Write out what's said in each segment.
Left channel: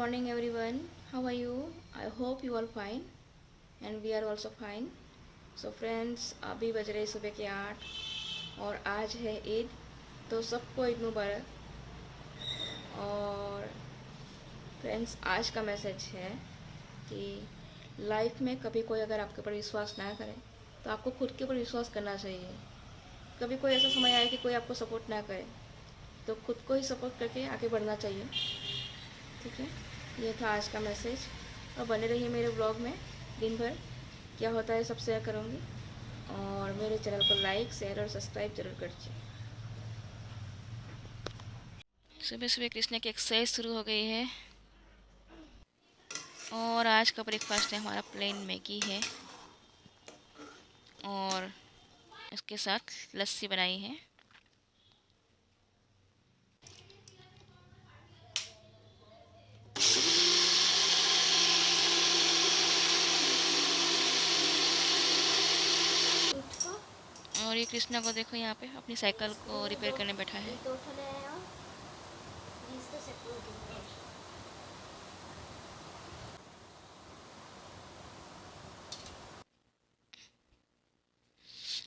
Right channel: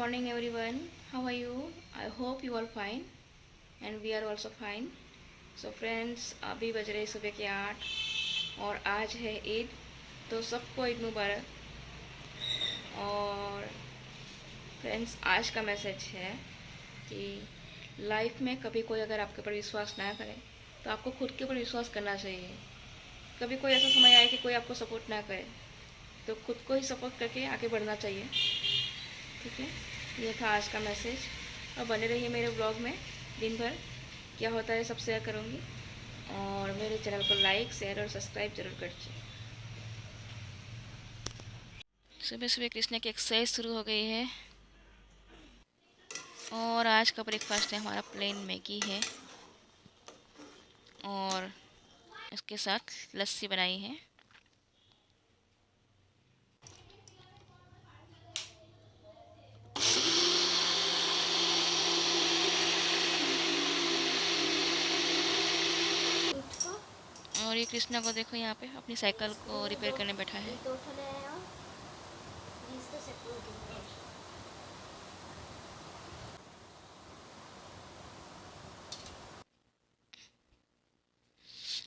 morning everyone. How are you? I hope you all fine and we are also fine. So friends, अभी बज रहे सुबह के 8 और आज है ईद। तो सबको ईद मुबारक। और फ्रेंड्स, आज का मैसेज है कि लाइफ में कभी कोई अगर आपके ऊपर विश्वास ना करे तो आपको खुद के ऊपर विश्वास करना चाहिए। कभी कोई ऐसा समय आए कि कोई आपको सपोर्ट ना करे तो खुद को ही सपोर्ट करके आगे बढ़ना चाहिए। ठीक है, ये था आज का मैसेज। और बने रहिए मेरे ब्लॉग में। दिन भर क्या होता है सब शेयर करूँगी। और मेरे चैनल को लाइक शेयर और सब्सक्राइब जरूर करिए। सुबह सुबह कृष्णा की एक्सरसाइज शुरू हो गई है। और आज का ब्रेकफास्ट है हमारा प्लेन मैगी है और इसके साथ लस्सी बनाई है। और ये कृष्णा को देखो यहाँ पे अपनी साइकिल को रिपेयर करने बैठा है।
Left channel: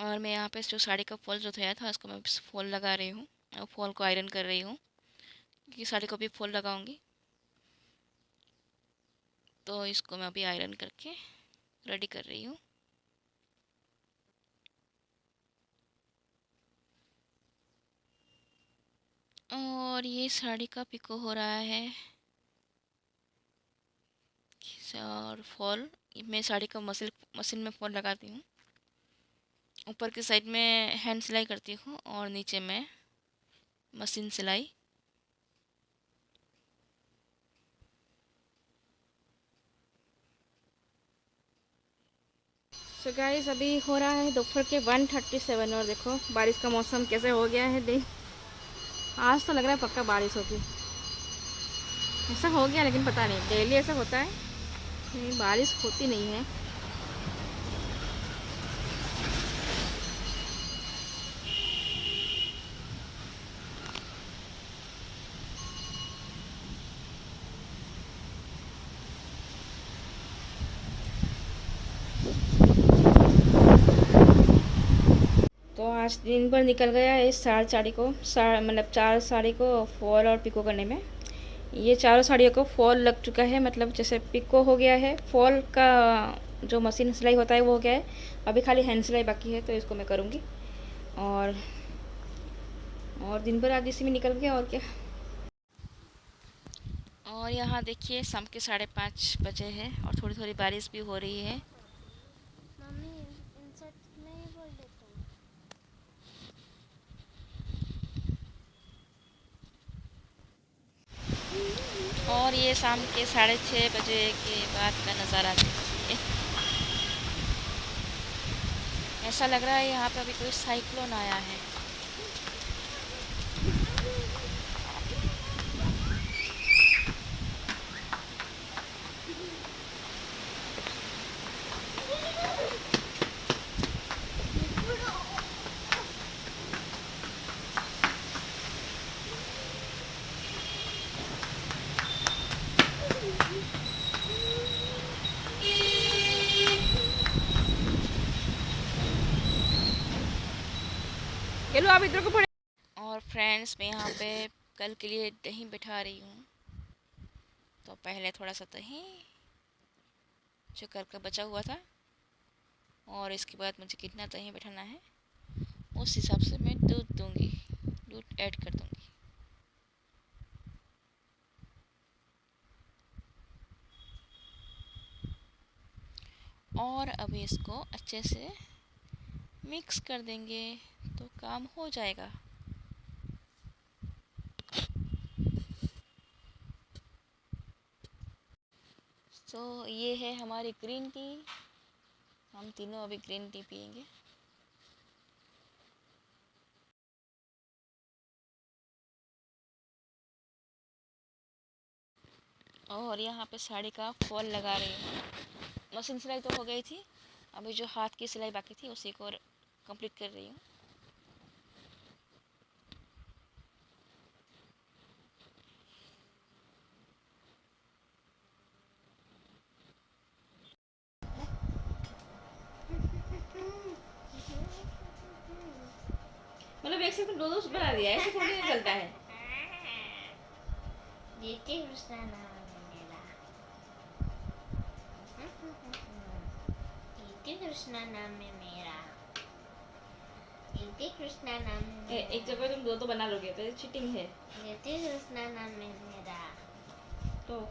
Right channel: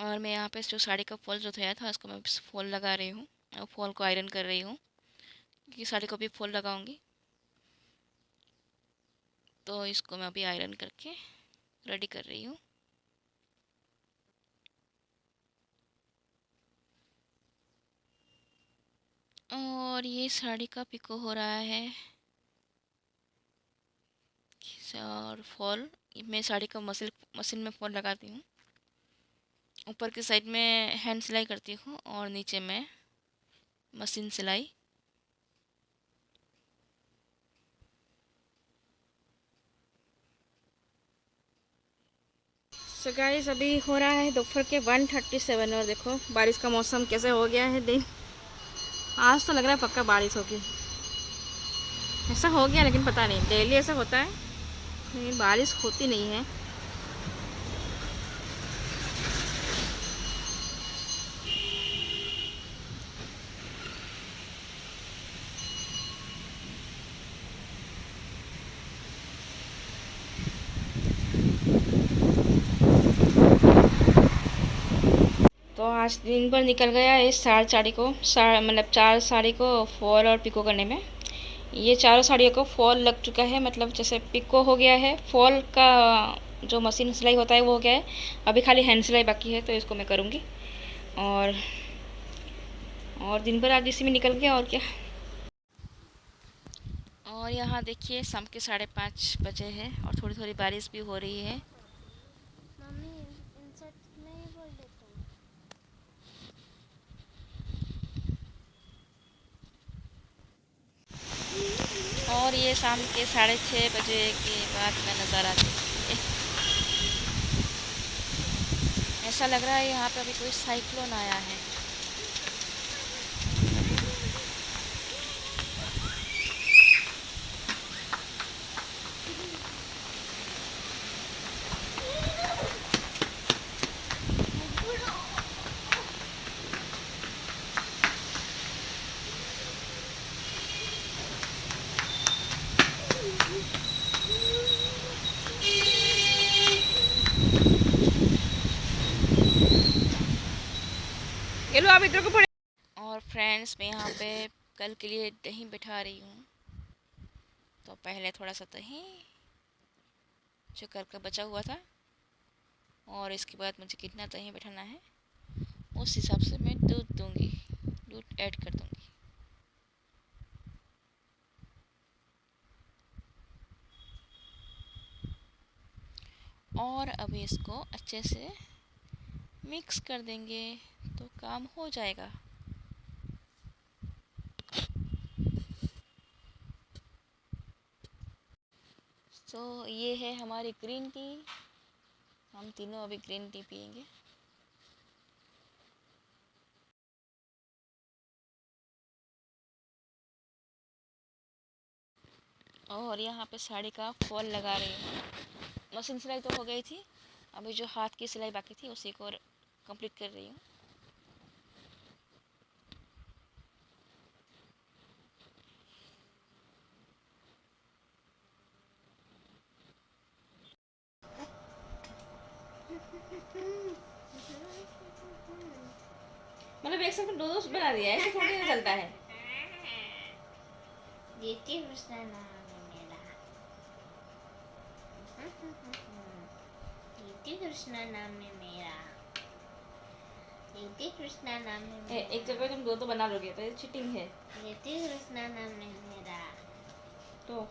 और मैं यहाँ पे जो साड़ी का फॉल जो धोया था उसको मैं फॉल लगा रही हूँ और फॉल को आयरन कर रही हूँ क्योंकि साड़ी को भी फॉल लगाऊंगी। तो इसको मैं अभी आयरन करके रेडी कर रही हूँ। और ये साड़ी का पिको हो रहा है और फॉल मैं साड़ी का मशीन में फॉल लगाती हूँ। ऊपर की साइड में हैंड सिलाई करती हूँ और नीचे में मशीन सिलाई। सो गाइस, अभी हो रहा है दोपहर के 1:37 और देखो बारिश का मौसम कैसे हो गया है। दिन आज तो लग रहा है पक्का बारिश होगी। ऐसा हो गया लेकिन पता नहीं, डेली ऐसा होता है लेकिन बारिश होती नहीं है। तो आज दिन भर निकल गया है साड़ी को मतलब 4 साड़ी को फॉल और पिको करने में। ये चारों साड़ियों को फॉल लग चुका है, मतलब जैसे पिको हो गया है, फॉल का जो मशीन सिलाई होता है वो हो गया है। अभी खाली हैंड सिलाई बाकी है तो इसको मैं करूँगी। और दिन भर आज इसी में निकल गया और क्या। और यहाँ देखिए शाम के 5:30 बजे है और थोड़ी थोड़ी बारिश भी हो रही है। और ये शाम के 6:30 बजे के बाद का नज़ारा देखिए। ऐसा लग रहा है यहाँ पे अभी कोई साइक्लोन आया है। ये लो आप इधर को पड़े। और फ्रेंड्स, मैं यहाँ पे कल के लिए दही बिठा रही हूँ। तो पहले थोड़ा सा दही जो कल का बचा हुआ था और इसके बाद मुझे कितना दही बिठाना है उस हिसाब से मैं दूध दूंगी, दूध ऐड कर दूंगी। और अभी इसको अच्छे से मिक्स कर देंगे तो काम हो जाएगा। तो ये है हमारी ग्रीन टी। हम तीनों अभी ग्रीन टी पियेंगे। और यहाँ पे साड़ी का फॉल लगा रही हूँ। मशीन सिलाई तो हो गई थी, अभी जो हाथ की सिलाई बाकी थी उसी को कंप्लीट कर रही हूँ। मतलब एक सेकंड दो दो बना दिया, ऐसे थोड़ी ना चलता है। जीती कृष्णा नाम है मेरा। जीती कृष्णा नाम है मेरा। जीती कृष्णा नाम है मेरा। एक जगह तुम दो तो बना लोगे तो ये चीटिंग है। जीती कृष्णा नाम है मेरा। तो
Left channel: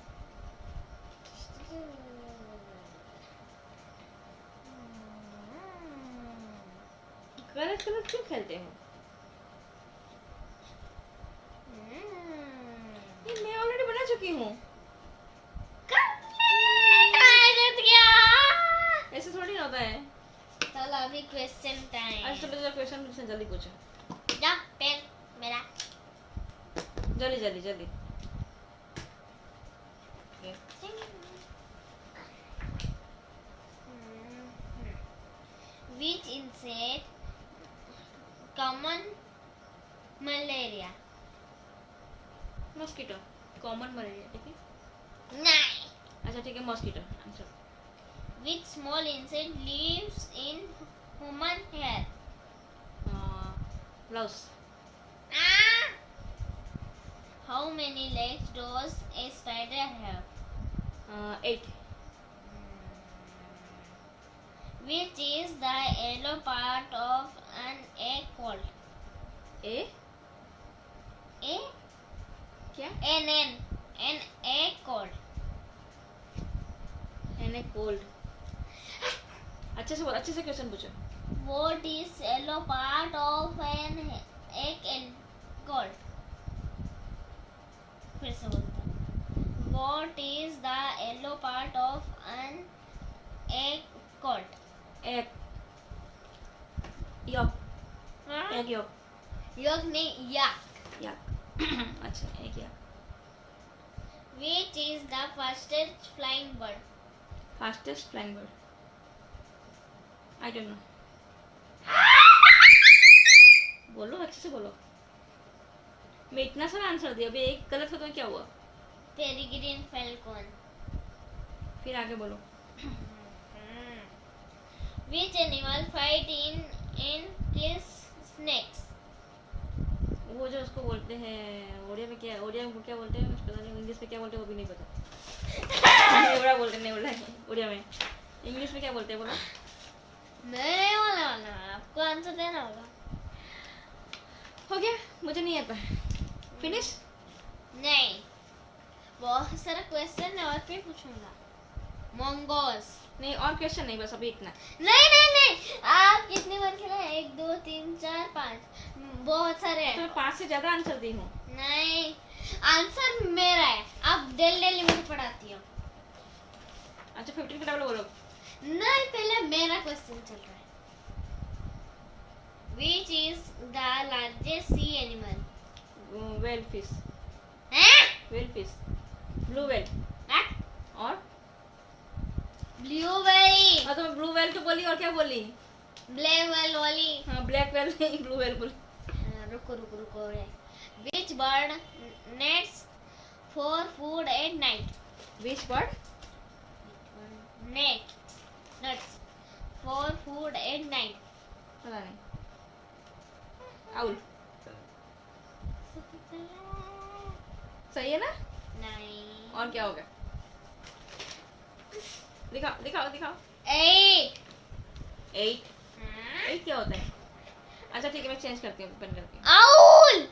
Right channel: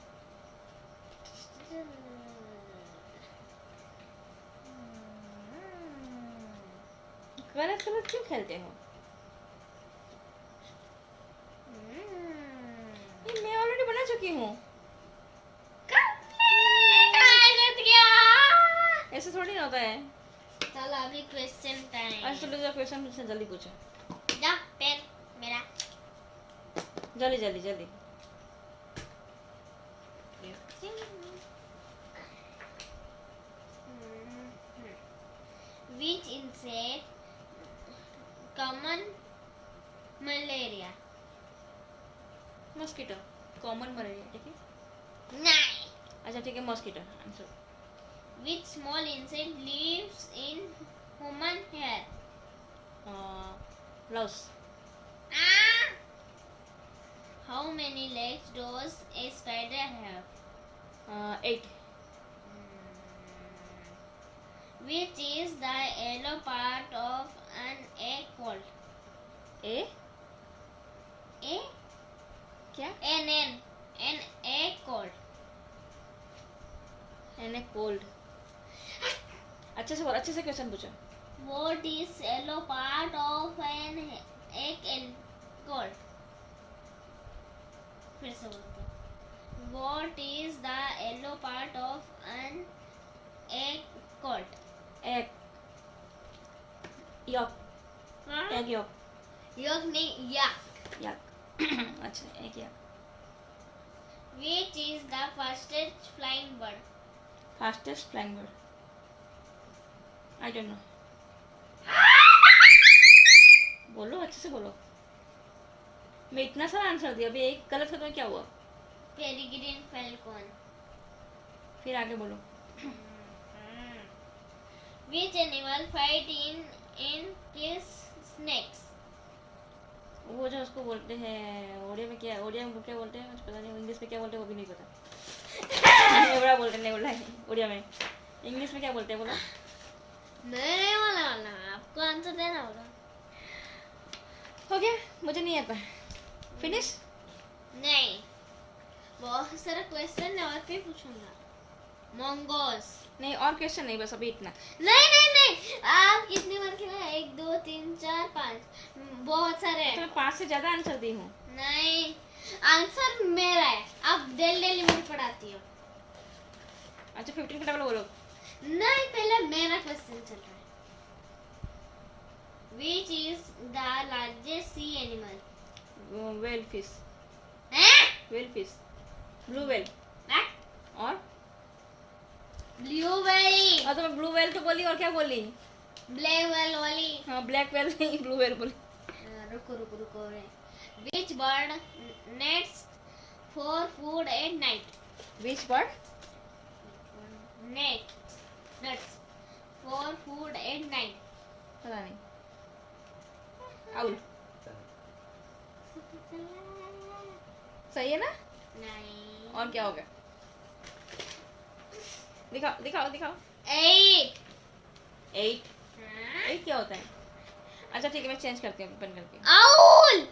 गलत गलत क्यों खेलते हो? ये मैं ऑलरेडी बना चुकी हूँ। ऐसे थोड़ी ना होता है। चलो अभी क्वेश्चन टाइम। आज चलो क्वेश्चन पूछना, जल्दी पूछो। जा पेन मेरा। जल्दी जल्दी जल्दी। Which insect common malaria? Mosquito. Common malaria, ठीक है। नहीं। अच्छा ठीक है, mosquito answer. Which small insect lives in human hair? Louse. How many legs does a spider have? 8. Which is the yellow part of an egg called? A A क्या? an egg called. An a cold. अच्छे से बोल, अच्छे से question पूछो। What is yellow part of an egg called? फिर से बोलते हैं। What is the yellow part of an egg called? Egg York. Egg York. Yolk नहीं याक। अच्छा egg yak. Which is the fastest flying bird? Fastest flying bird, I don't know. बोलो अच्छे से बोलो। मैं इतना सारा आंसर दिया, अभी एक गलत हो तो क्या हुआ? Peregrine falcon. फिर आगे बोलो। Which animal fight in kiss snakes? वो जो उसको बोलते हैं ओडिया में क्या, ओडिया में क्या बोलते हैं पता नहीं, इंग्लिश में क्या बोलते हैं वो भी नहीं पता। नेवड़ा बोलते हैं, नेवड़ा ओडिया में। इंग्लिश में क्या बोलते हैं बोलो। नहीं वाला आपको आंसर देना होगा। हो गया, मुझे नहीं आता। फिनिश? नहीं, बहुत सारा क्वेश्चन है और फिर पूछूंगा। मंगोस। नहीं और क्वेश्चन नहीं, बस अभी इतना। नहीं नहीं नहीं, आप कितनी बार खेला? 1 2 3 4 5, बहुत सारे तो मैं 5 से ज्यादा आंसर दी हूँ। नहीं, आंसर मेरा है, आप डेली मुझे पढ़ाती हो। अच्छा 15 का डबल बोलो। नहीं, पहले मेरा क्वेश्चन चल रहा है। Which is the largest sea animal? Whale fish. हैं? Whale fish, blue whale. और ब्लू वेल। तो मैं ब्लू वेल तो बोली, और क्या बोली? ब्लैक वेल वाली। हाँ ब्लैक वेल नहीं, ब्लू वेल बोली। रुको रुको रुको रे। Which bird nests for food at night? Which bird? Nuts for food at night. पता नहीं। आउल। सही है ना? नहीं। और क्या होगा? दिखाओ दिखाओ दिखाओ। 8। 8। 8 क्या होता है? अच्छा ठीक है, मैं चेंज करती हूँ, बंद करती हूँ। आउल।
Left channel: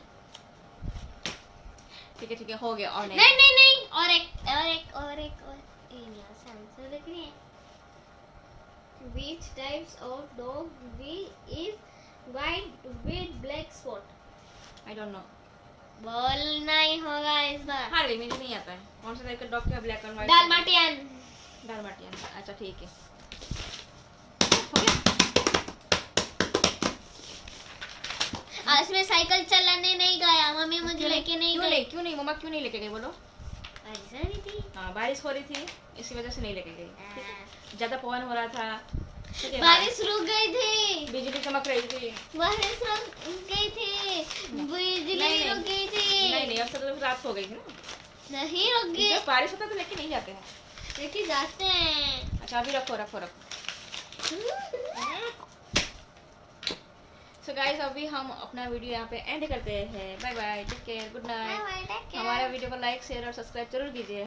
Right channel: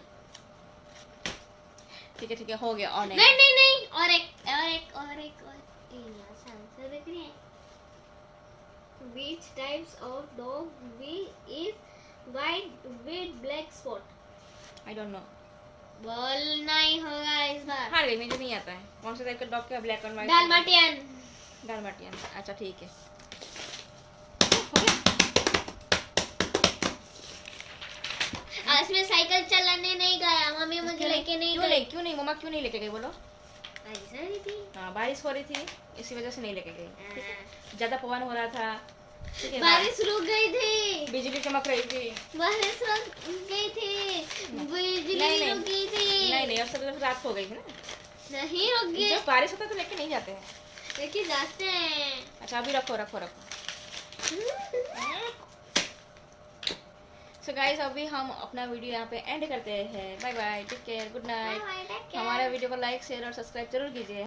ठीक है हो गया। और नहीं नहीं नहीं, और एक यहाँ से आंसर देख रही है। Which types of dog is white with black spot? I don't know. बोलना ही होगा इस बार। हाँ ले, मुझे नहीं आता है। कौन सा टाइप का डॉग क्या, ब्लैक एंड व्हाइट? डालमाटियन। डालमाटियन। अच्छा ठीक है। आज मैं साइकिल चलाने नहीं गया, मम्मी मुझे लेके नहीं गई। क्यों नहीं मम्मा, क्यों नहीं लेके गई बोलो? बारिश हो रही थी। हाँ बारिश हो रही थी, इसी वजह से नहीं लेके गई। ठीक है, ज्यादा पवन हो रहा था। ठीक है, बारिश रुक गई थी। बिजली चमक रही थी। बारिश रुक गई थी। बिजली नहीं, रुक गई थी। नहीं अब तो रात हो गई थी ना। नहीं रुक गई। जब बारिश होता है तो लेके नहीं जाते हैं। लेके जाते हैं। अच्छा अभी रखो रखो रखो। सो गाइस अभी हम अपना वीडियो यहाँ पे एंड करते हैं। Bye bye, take care, good night. Bye bye, take care. हमारा वीडियो को लाइक शेयर और सब्सक्राइब जरूर कीजिए।